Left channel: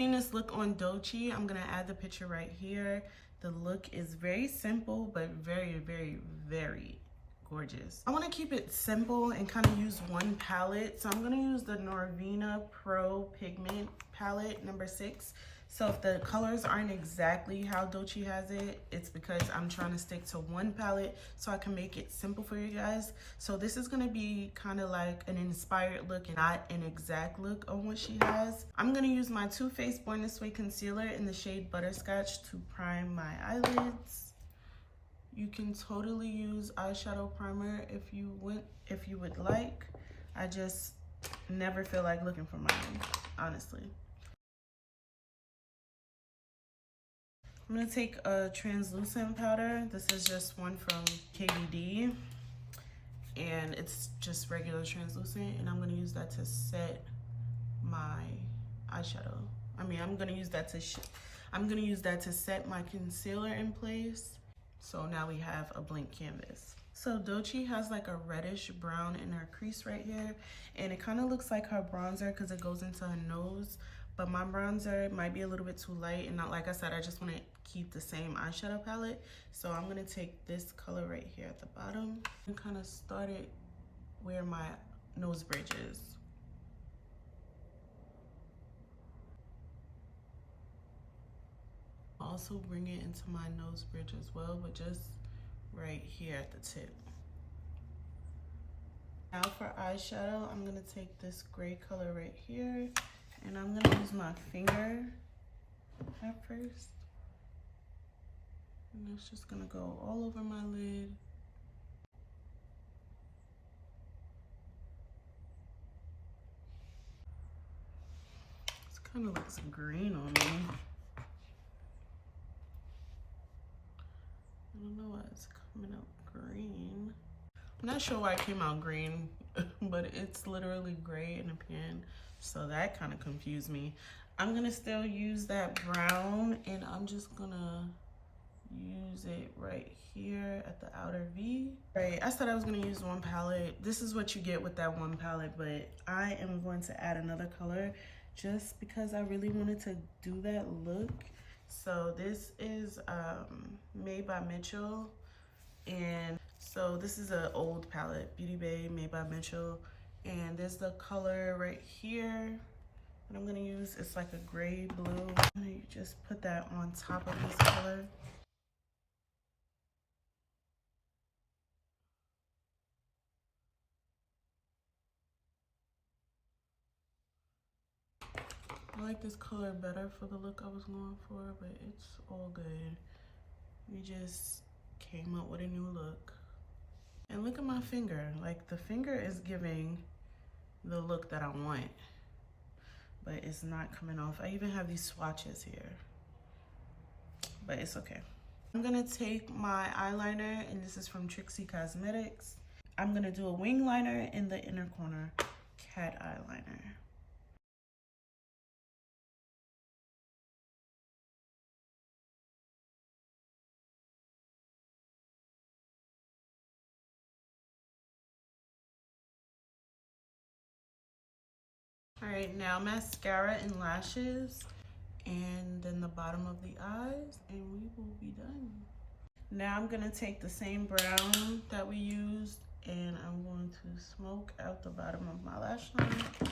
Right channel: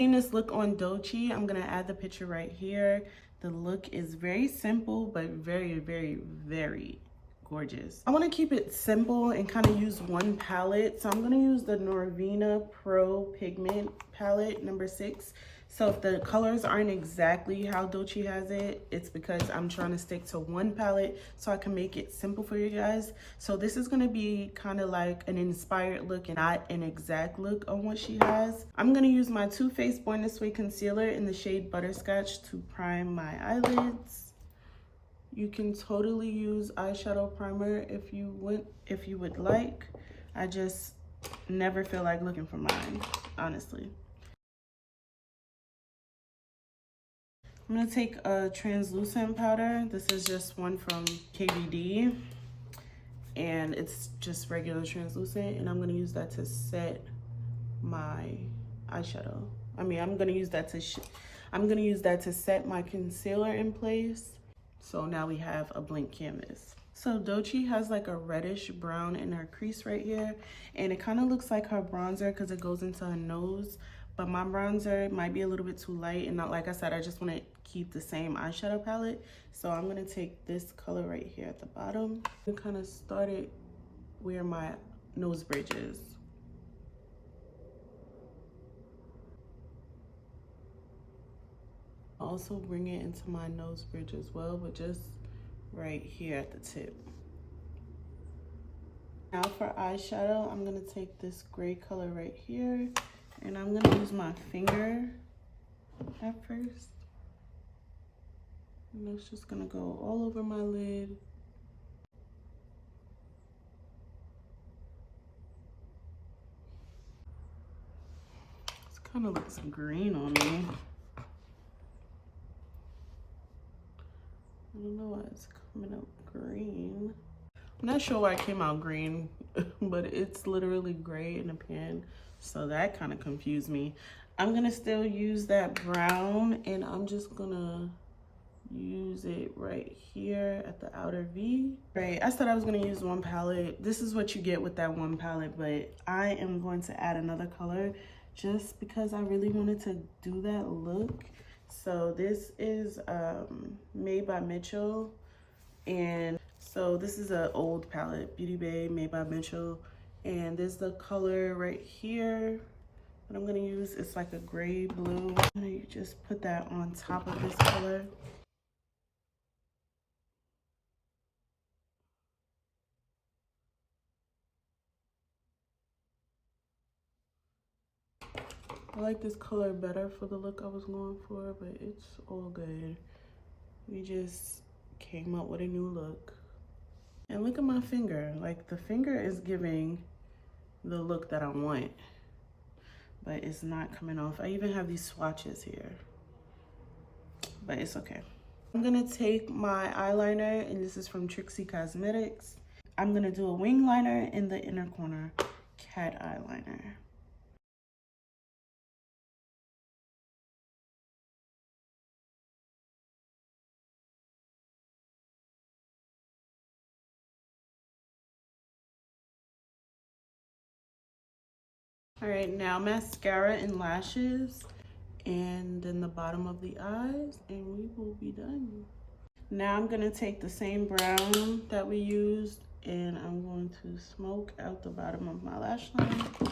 Seeing this look on Doechii, I'm gonna add the picture right here. The look is very simple, but very, very, very gorgeous. I want to keep it simple and kind of use one palette. So I'm going to use the Norvina Pro Pigment palette number 6. So if the colors aren't exactly how Doechii has it, it's because I'm trying to stick to one palette so I can make it simple for you guys. So this is going to be kind of like an inspired look and not an exact look on what she has. I'm going to use my Too Faced Born This Way concealer in the shade Butterscotch to prime my eyelids. You can totally use eyeshadow primer if you would like. I just never feel like looking for mine, honestly. I'm gonna take a translucent powder. This is just one from KVD, and it's just regular translucent, and I'm gonna use that to set my eyeshadow. I'm gonna use that to set my concealer in place. So now we have a blank canvas. So Doechii has like a reddish brown in her crease right here, and it kind of looks like her bronzer because it goes into her nose. But my bronzer might be a little bit too light, and not, like I said, I just want to keep the same eyeshadow palette. So I'm gonna take this color right here at the bottom and kind of start it where my nose bridge is. Also bring it into my nose bridge as well, but just right here at the tip. Now for eyeshadow, I'm gonna take this gray color right here, and I'm gonna use my finger at first. And it's just gonna go all over my lid. This kind of looks green on me. I don't know why it's coming up green. I'm not sure why it came out green, but it's literally gray in the pan. So that kind of confused me. I'm gonna still use that brown, and I'm just gonna use it right here at the outer V. Right, I said I was gonna use one palette. This is what you get with that one palette, but I am going to add another color just because I really wanted to do that look. So this is Made by Mitchell, and so this is an old palette, Beauty Bay Made by Mitchell, and there's the color right here that I'm gonna use. It's like a gray blue. I'm gonna just put that on top of this color. I like this color better for the look I was going for, but it's all good. We just came up with a new look. And look at my finger. Like, the finger is giving the look that I want, but it's not coming off. I even have these swatches here, but it's okay. I'm gonna take my eyeliner, and this is from Trixie Cosmetics. I'm gonna do a wing liner in the inner corner, cat eyeliner. All right, now mascara and lashes, and then the bottom of the eyes, and we will be done. Now I'm gonna take the same brown that we used, and I'm going to smoke out the bottom of my lash line.